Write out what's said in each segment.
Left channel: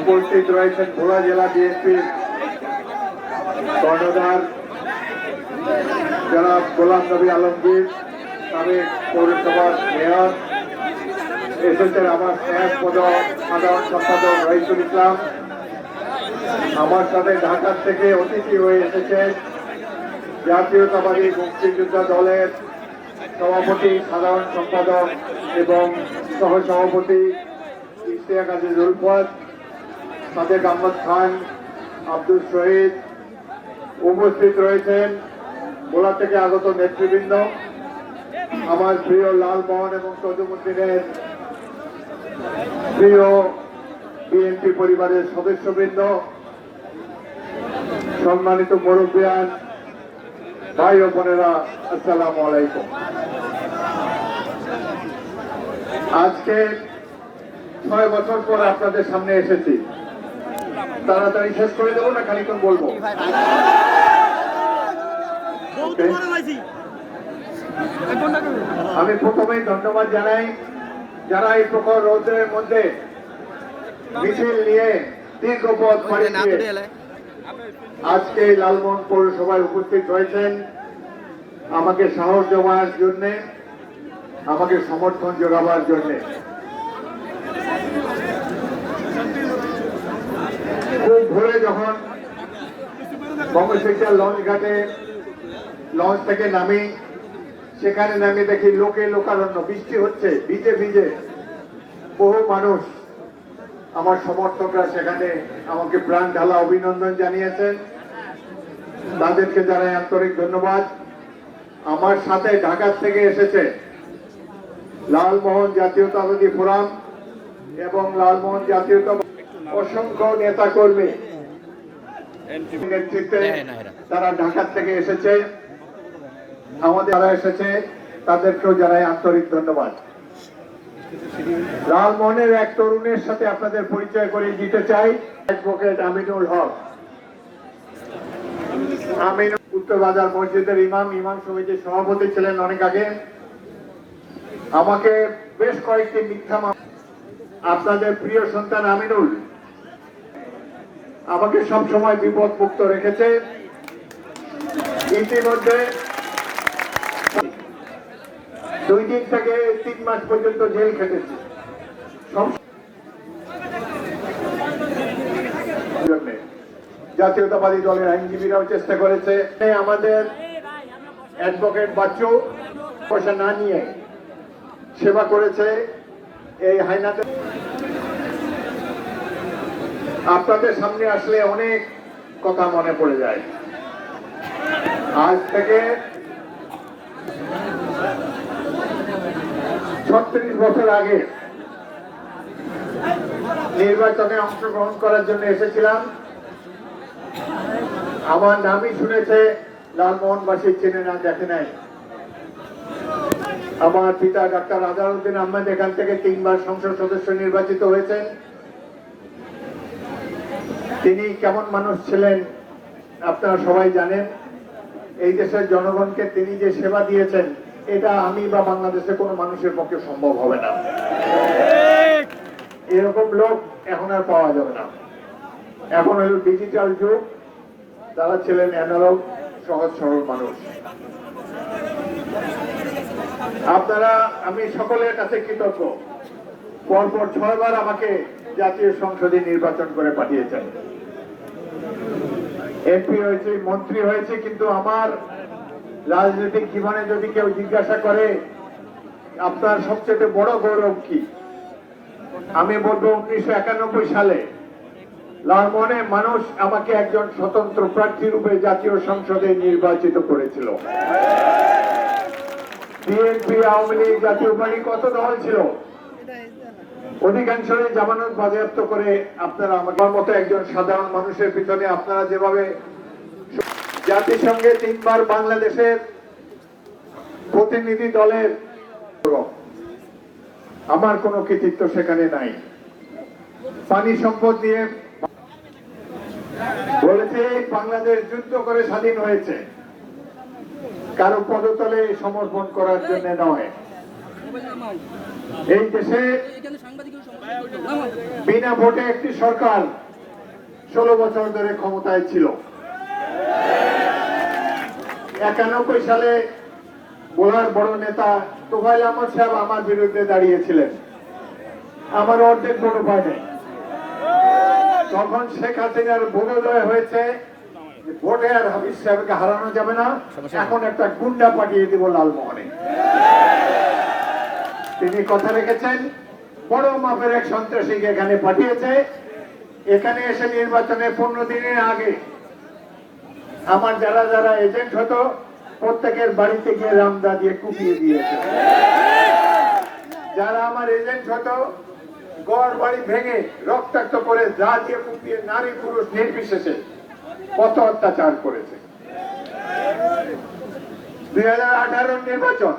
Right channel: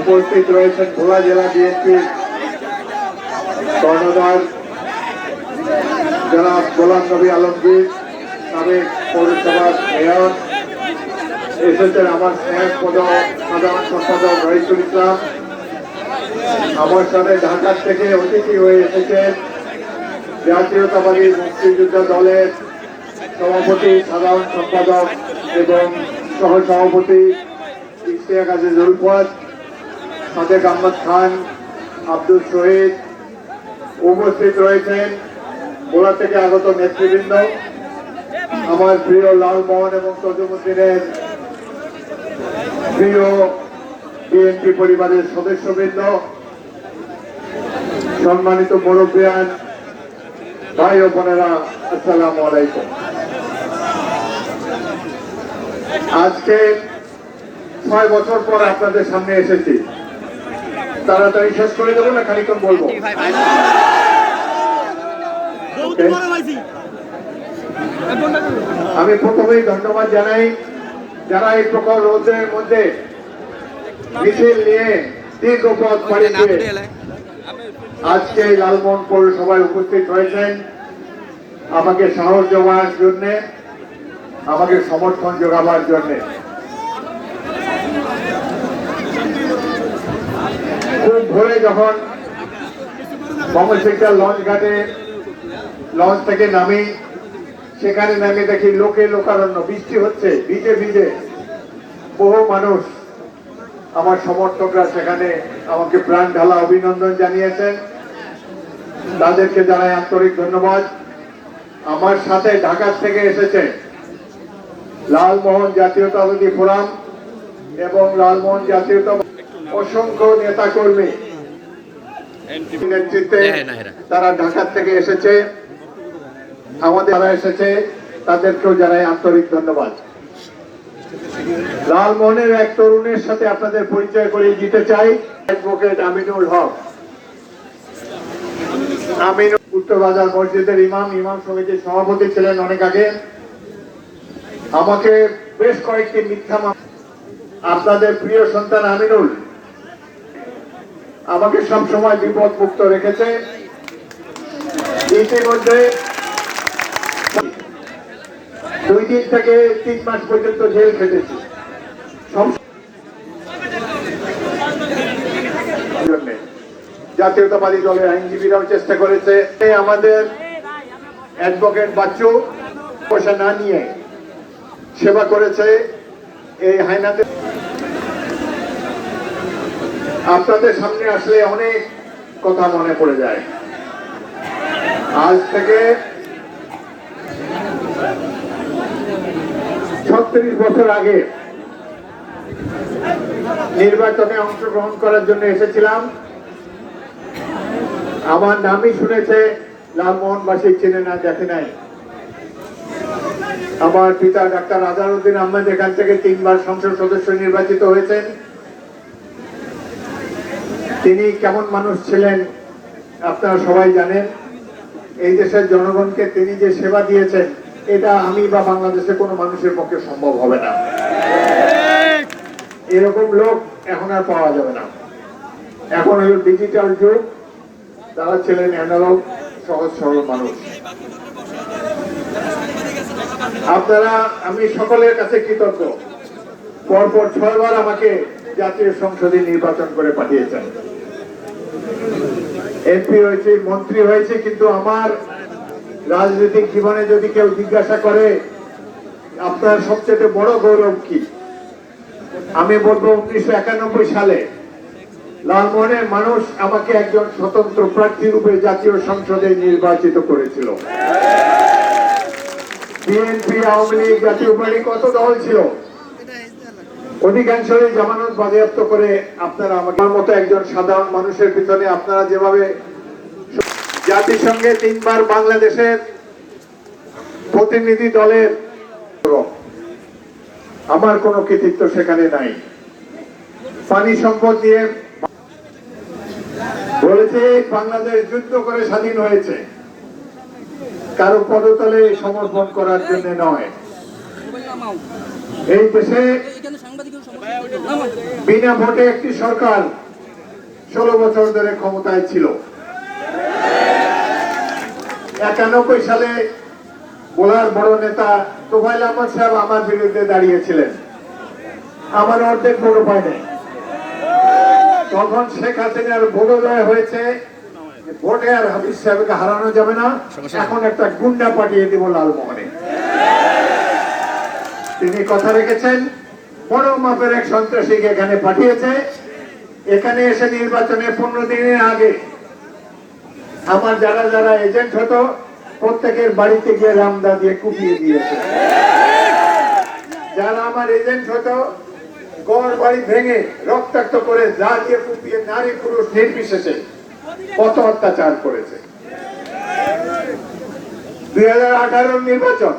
উপস্থিত রয়েছেন ভোলা জেলা বিএনপি কর্ণধার গোলাম নবী আলমগীর, সাবেক পৌরসভার মেয়র, এসেছেন আমার স্নেহাস্পদ সাধারণ সম্পাদক রহিসুল ইসলাম। আমার সাথে ঢাকা থেকে অতিথি হয়ে এসেছেন জাতীয়তাবাদী মুক্তিযোদ্ধা দলের সভাপতি, সাধারণ সম্পাদক এবং সহ সভাপতি ইশতিয়াক আজিজ উলফত, সাদেক আহমদ খান, আব্দুল শহীদ উপস্থিত রয়েছেন। গোলা থেকে আগত নেতৃবৃন্দ, আমার প্রিয় লালমোহন এবং তজুমুদ্দিনের প্রিয় বিএনপি পরিবারের সদস্যবৃন্দ, সম্মানিত মুরব্বিয়ান, ভাই ও বোনেরা, আসসালামু আলাইকুম। আজকে ছয় বছর পর আপনাদের সামনে এসেছি। তাড়াতাড়ি শেষ করে দেবো না খানিকক্ষণ বলব। আমি প্রথমেই ধন্যবাদ জানাই যারা এই প্রখর রৌদ্রের মধ্যে মিছিল নিয়ে দীর্ঘ পথ পাড়ি আজকে লালমোহন পৌরসভায় উপস্থিত হয়েছেন। আমাকে সাহস জমানোর জন্য আমাকে সমর্থন জোগাবার জন্য। খুব ভোরে যখন সমশিক্ষা লঞ্চ ঘাটে, লঞ্চ থেকে নামি, সেখানে নামি দেখি লোকে লোকারণ্য, বৃষ্টি হচ্ছে, ভিজে ভিজে। বহু মানুষ আমার সমর্থকরা সেখানে আমাকে প্রাণ ঢালা অভিনন্দন জানিয়েছেন। তাদেরকে জানাই আন্তরিক ধন্যবাদ। আমার সাথে ঢাকা থেকে এসেছে লালমোহন জাতীয়তাবাদী ফোরাম এবং লালমোহন জাতীয়তা অসংখ্য নেতা কর্মী নেতৃত্বে তারা ঢাকা থেকে এসেছে। আমাদের যারা এসেছে তাদেরকেও জানাই আন্তরিক ধন্যবাদ। লালমোহনের এক তরুণের সাথে আপনাদের পরিচয় করিয়ে দিতে চাই অ্যাডভোকেট আমিনুল হক। আমিন উত্তর বাজার মসজিদের ইমাম ইমাম সমিতির সভাপতি ছিলেন অনেক আগে। আমাকে বেশ কয়েকটি মিথ্যা আপনাদের প্রিয় সন্তান আমিনুল আমাকে সব সময় বিপদ মুক্ত রেখেছে ইতিমধ্যে দুই দিন থেকে তিন মাস পর্যন্ত জেল খেটেছি। জাতীয়তাবাদী দলের আইনজীবীরাও চেষ্টা করেছে আমাদের অ্যাডভোকেট বাচ্চু, পয়সা না নিয়ে সেবা করেছে এই হাইনাতে। আপনাদের সামনে আসলে অনেক কথা মনে পড়ে যায়। আজ থেকে ছত্রিশ বছর আগে নির্বাচনে অংশগ্রহণ করার জন্য এসেছিলাম। আমার নামই শুনেছে লালমোহনবাসী, চিনে না, দেখে নাই। আমার পিতা ডাক্তার আজারউদ্দিন আহমেদ এখান থেকে তিনবার সংসদ সদস্য নির্বাচিত হয়েছেন। তিনি কেমন মানুষ ছিলেন আপনারা সবাই জানেন। এই দেশের জনগণকে তিনি যে সেবা দিয়েছেন, এটা আমি বা বাংলাদেশের কোনো মানুষের পক্ষে সম্ভব হবে না। এরকম লোক এখন আর পাওয়া যাবে না। এখন হলো ডিজিটাল যুগ তারা ছিলেন অ্যানালগ সহজ সরল মানুষ। আপনারা, আমি সকলের কাছে কৃতজ্ঞ। পরপর ছয়বার আমাকে জাতীয় সংসদে নির্বাচন করে পাঠিয়েছেন। এমপি হয়েছে, মন্ত্রী হয়েছে, কিন্তু আমার রাজনৈতিক জীবনে যদি কেউ জিজ্ঞাসা করে, আপনার সবচেয়ে বড় গৌরব কি? আমি বলব, উনিশশো একানব্বই সালে লালমোহনের মানুষ আমাকে একজন স্বতন্ত্র প্রার্থী রূপে জাতীয় সংসদে নির্বাচিত করেছিল। বিএনপি, আওয়ামী লীগ, জাতীয় পার্টি, কত দল ছিল? অধিকাংশই জামানত বাজেয়াপ্ত করে আপনারা আমার মতো একজন সাধারণ মানুষের পিছনে আপনারা যেভাবে জাতিসংঘে তিনবার বাংলাদেশের প্রতিনিধি দলের আমার কোনো কৃতিত্ব সেখানে নাই। পানি সম্পদ নিয়ে বলেছে, বাংলাদেশ যুদ্ধ করে স্বাধীন হয়েছে। কারও পদতলে সমর্পণ করার জন্য নয়। এই দেশে বিনা ভোটে একটি সরকার ষোলো বছর ধরে ক্ষমতায় ছিল। একানব্বই সালে বোলার বড় নেতা তোফাইল আহমদ সাহেব আমার বিরুদ্ধে দাঁড়িয়েছিলেন। আমার অর্ধেক ভোট পায়নি তখন শেখ হাসিনার বোধোদয় হয়েছে ভোটে আর হাবিজ সাহেবকে হারানো যাবে না এখন একটা গুন্ডা পাঠিয়ে দিব লালমোহনে। তিনি কথা রেখেছেন বড় মাপের এক সন্ত্রাসীকে এখানে পাঠিয়েছে। এখানে এসে নির্বাচনে পনেরো দিনের আগে আমার যারা যারা এজেন্ট হতো প্রত্যেকের বাড়িতে গিয়ে রামদা দিয়ে কুপিয়ে দিয়েছে। যারা আমার এজেন্ট হতো গড় বাড়ি ভেঙে রক্তাক্ত করে যা দিয়ে কুপিয়ে নারী পুরুষ নির্বিশেষে কত অত্যাচার করেছে? দুই হাজার আঠারো নির্বাচন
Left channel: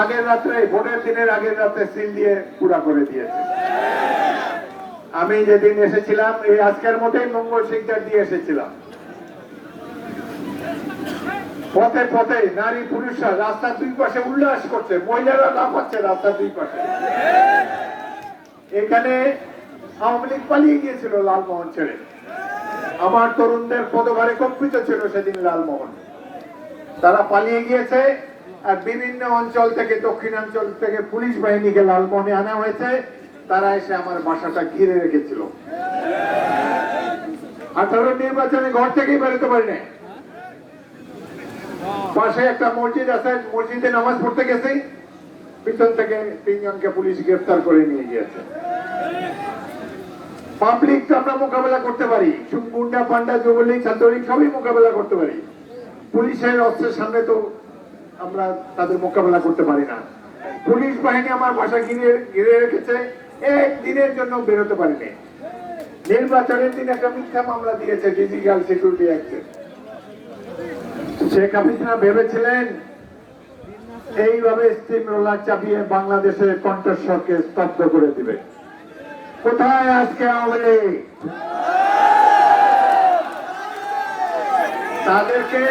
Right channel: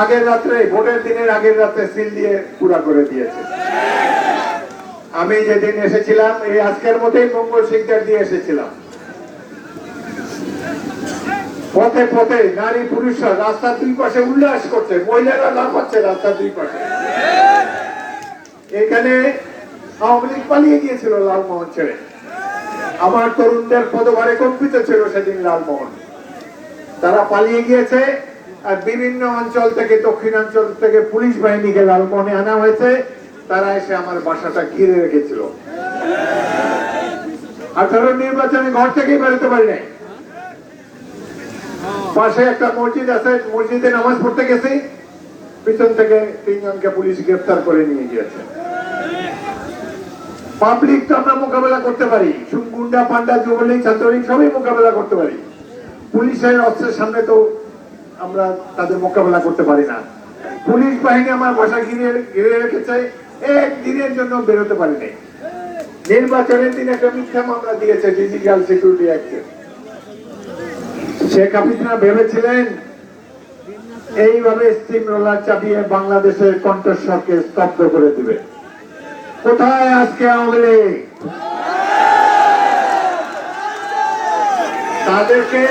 আগের রাত্রে, ভোটের দিনের আগের রাত্রে সিল দিয়ে পুরা করে দিয়েছে। আমি যেদিন এসেছিলাম, এই আজকের মতোই মঙ্গল সিকদার দিয়ে এসেছিলাম। পথে পথে নারী পুরুষরা রাস্তার দুই পাশে উল্লাস করছে, মহিলারা লাফাচ্ছে রাস্তার দুই পাশে। এখানে আওয়ামী লীগ পালিয়ে গিয়েছিল লালমোহন ছেড়ে। আমার তরুণদের পদভারে কম্পিত ছিল সেদিন লালমোহন। তারা পালিয়ে গিয়েছে, আর বিভিন্ন অঞ্চল থেকে, দক্ষিণাঞ্চল থেকে পুলিশ বাহিনীকে লালমোহনে আনা হয়েছে। তারা এসে আমার বাসাটা ঘিরে রেখেছিল। আঠারো নির্বাচনে ঘর থেকেই বেরোতে পারি নাই। পাশে একটা মসজিদ আছে, মসজিদে নামাজ পড়তে গেছি। পিছন থেকে তিনজনকে পুলিশ গ্রেফতার করে নিয়ে গিয়েছে। পাবলিক তো আমরা মোকাবেলা করতে পারি। গুন্ডা পান্ডা, যুবলীগ, ছাত্রলীগ, সবই মোকাবেলা করতে পারি। পুলিশের অস্ত্রের সামনে তো আমরা তাদের মোকাবেলা করতে পারি না। পুলিশ বাহিনী আমার বাসা ঘিরে ঘিরে রেখেছে একদিনের জন্য বেরোতে পারিনি। নির্বাচনের দিন একটা মিথ্যা মামলা দিয়েছে ডিজিটাল সিকিউরিটি অ্যাক্টে। শেখ হাসিনা ভেবেছিলেন, এইভাবে স্টিম রোলার চাপিয়ে বাংলাদেশের কণ্ঠস্বরকে স্তব্ধ করে দিবে। কোথায় আজকে আওয়ামী লীগ? তাদেরকে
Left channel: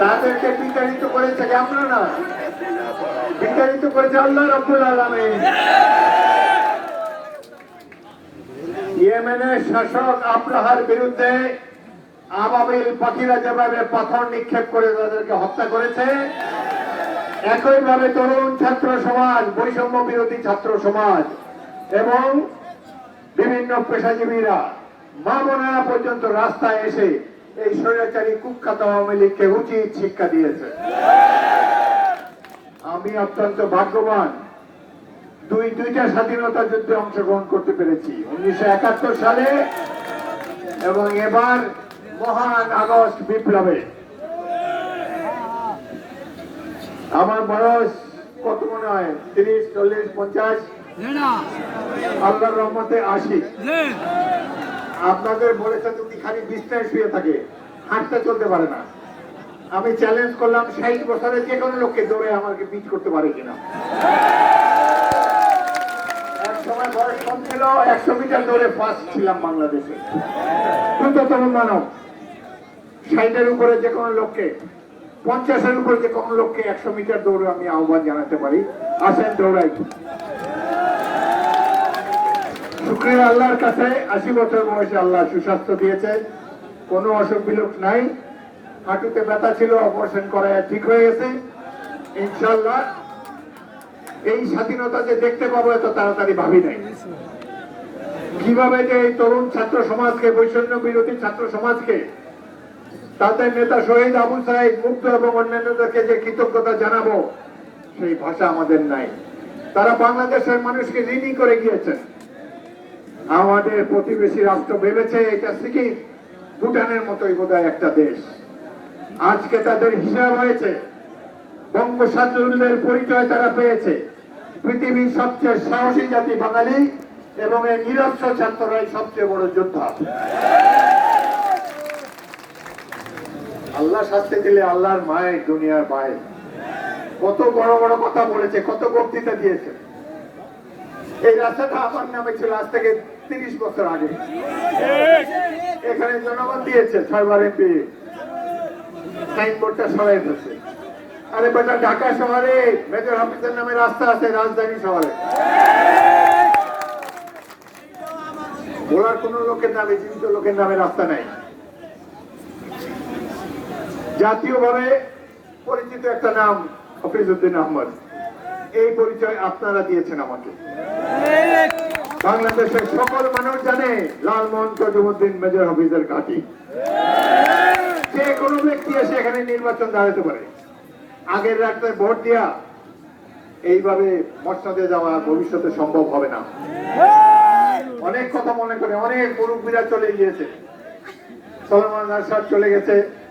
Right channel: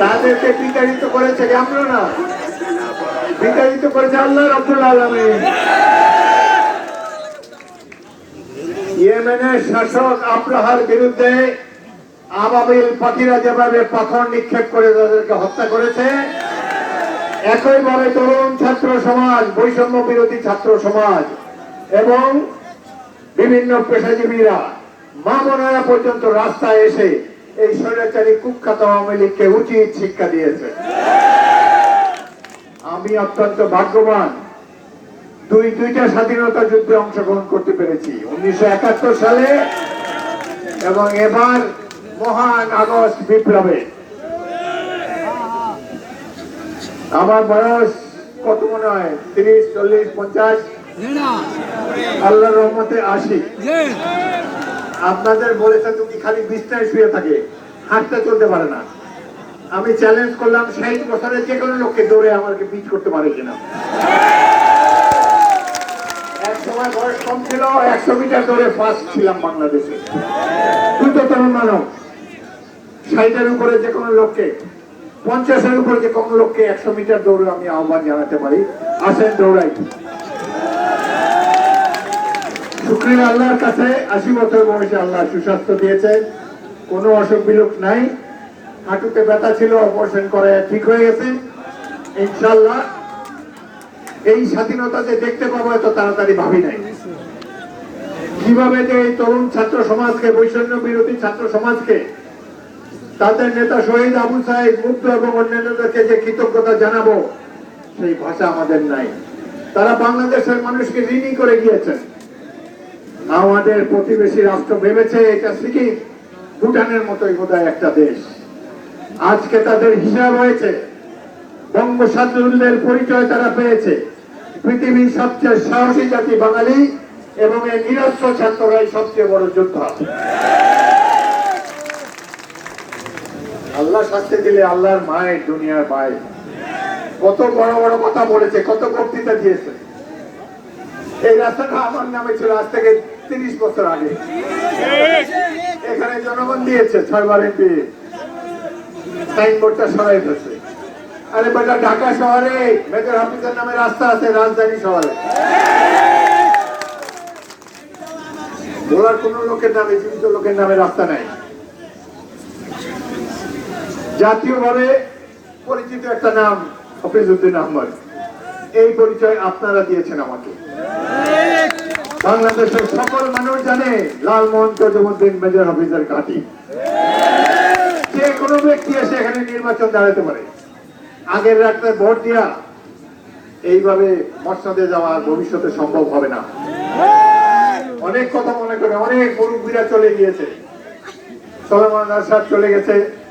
তাদেরকে বিতাড়িত করেছে আমরা না বিতাড়িত করেছে আল্লাহ রাব্বুল আলামিন ইয়েমেনের শাসক আব্রাহার বিরুদ্ধে আবাবিল পাখিরা যেভাবে পাথর নিক্ষেপ করে তাদেরকে হত্যা করেছে একইভাবে তরুণ ছাত্র সমাজ, বৈষম্য বিরোধী ছাত্র সমাজ এবং বিভিন্ন পেশাজীবীরা মা পর্যন্ত রাস্তায় এসে এই স্বৈরাচারী কুখ্যাত আওয়ামী লীগকে উচিত শিক্ষা দিয়েছে। আমি অত্যন্ত ভাগ্যবান, দুই, দুইটা স্বাধীনতা যুদ্ধে অংশগ্রহণ করতে পেরেছি, উনিশশো একাত্তর সালে এবং এবার মহান আগস্ট বিপ্লবে। আমার বয়স কত মনে হয়? তিরিশ চল্লিশ পঞ্চাশ? আল্লাহর রহমতে আশি। আপনাদের বলেছে তুমি খালি বিছনায় শুয়ে থাকে হাঁটতে চলতে পারে না। আমি চ্যালেঞ্জ করলাম ষাট বছরের যে কোনো লোককে দৌড়ে আমাকে বিচ করতে পারে কিনা। এক সময় বয়স কম ছিল একশো মিটার দৌড়ে ফার্স্ট ছিলাম বাংলাদেশে। দ্রুততম মানব ষাটের উপরে যে কোনো লোককে পঞ্চাশের উপরে যে কোনো লোককে একশো মিটার দৌড়ে আমি আহ্বান জানাতে পারি। আসেন, দৌড়াই। শুক্রিয়া আল্লাহর কাছে, আশি বছর বয়সে আল্লাহ সুস্বাস্থ্য দিয়েছে। কোনো অসুখ বিলোক নাই। হাঁটুতে ব্যথা ছিল অপারেশন করে ঠিক হয়ে গেছে। ইনশাল্লাহ এই স্বাধীনতা যে দেখতে পাবো, এত তাড়াতাড়ি ভাবি নাই। কীভাবে যে এই তরুণ ছাত্র সমাজকে বৈষম্য বিরোধী ছাত্র সমাজকে তাদের নেতা শহীদ আবু সাইদ মুগ্ধ এবং অন্যান্যদেরকে যে কৃতজ্ঞতা জানাব, সেই ভাষা আমাদের নাই। তারা বাংলাদেশের মানুষকে ঋণী করে গিয়েছেন। আমাদের প্রতিবেশী রাষ্ট্র ভেবেছে এটা সিকিম, ভুটানের মতোই বোধ একটা দেশ। আজকে তাদের হিসাব হয়েছে বঙ্গোসাদুল্যের পরিচয় তারা পেয়েছে। পৃথিবীর সবচেয়ে সাহসী জাতি বাঙালি এবং এই নিরস্ত্র ছাত্ররাই সবচেয়ে বড় যোদ্ধা। আল্লাহ শাস্তি দিলে আল্লাহর মায়ের দুনিয়ার মায়ের কত বড় বড় কথা বলেছে, কত বক্তৃতা দিয়েছে। এই রাস্তাটা আমার নামে ছিল আজ থেকে তিরিশ বছর আগে। এখানে জনগণ দিয়েছে, ছয়বার এমপি সাইনবোর্ডটা সরাই দিচ্ছে আরে বেটা, ঢাকা শহরে মেজর হাফিজের নামে রাস্তা আছে, রাজধানী শহরে। বলার কোন লোকের নামে, জীবিত লোকের নামে রাস্তা নেই। জাতীয়ভাবে পরিচিত একটা নাম হফিজউদ্দিন আহমদ। এই পরিচয় আপনারা দিয়েছেন আমাকে। বাংলাদেশের সকল মানুষ জানে লালমোহন তজমুদ্দিন মেজর হাফিজের ঘাঁটি। যে কোনো ব্যক্তি এসে এখানে নির্বাচন দাঁড়াতে পারে। আগের রাত্রে ভোট দেওয়া এইভাবে মসনদে যাওয়া ভবিষ্যতে সম্ভব হবে না। অনেক কথা মনে করে, অনেক মুরব্বীরা চলে গিয়েছে। সলমান আরশাদ চলে গেছে।